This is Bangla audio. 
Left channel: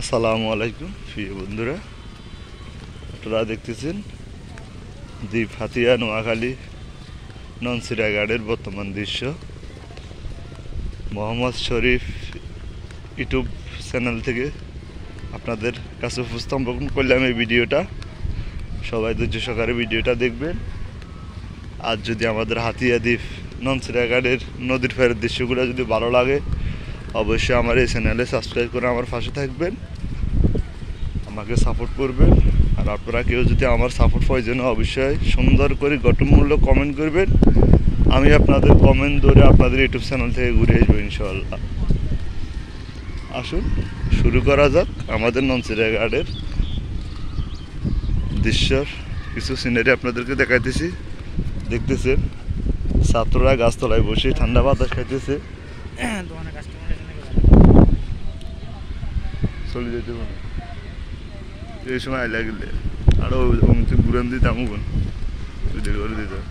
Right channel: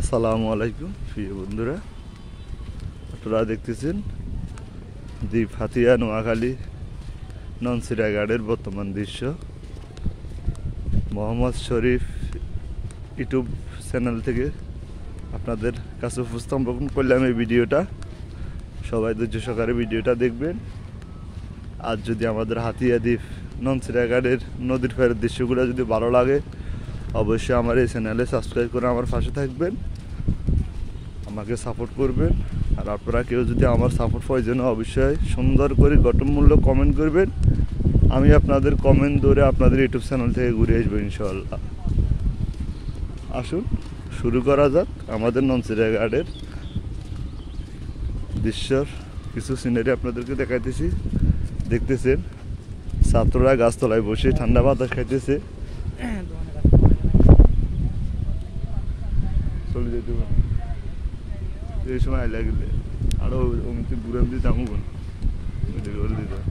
আসসালামু আলাইকুম প্রিয় বন্ধুরা, আপনারা দেখতেছেন দ্বীপ হাতিয়া নোয়াখালী ননসিরা ঘাটের বর্তমান দৃশ্য। মোহাম্মদ শরীফ ইউটিউব চ্যানেল থেকে আপনাদের কাছে উপস্থাপন করলাম এই ভিডিওটা। সবাই ধৈর্য সহকারে ভিডিওটা দেখবেন। আর যদি আমাদের হাতিয়া দ্বীপ ননসিরা ঘাটের নদীর পাড়ের দৃশ্যগুলো যদি ভালো লাগে, অবশ্যই আমার এই চ্যানেলে সাবস্ক্রাইব করে আমার পাশে থাকবেন, আমাকে সাপোর্ট করবেন। আর আপনারা কেউ যদি আমার সাপোর্ট প্রয়োজন অবশ্যই সুন্দর করে গঠনমূলক কমেন্ট করবেন। আমি আপনাদের কমেন্ট ধরে আপনাদের ইউটিউব চ্যানেল থেকে ঘুরে আসবো ইনশাআল্লাহ। আসুন শুরু করা যাক আমাদের ননসিরা ঘাটের দৃশ্যর কিছু সিনারি আপনাদেরকে দেখাইতেছি। দেখতেছেন ছাত্ররা গাছতলায় বসে ঠান্ডা বাতাস খাইতেছে। চলে যেতে পারে এই সময় আইলা গেলে আরো ঘুরান দিতাম করে দিতাম।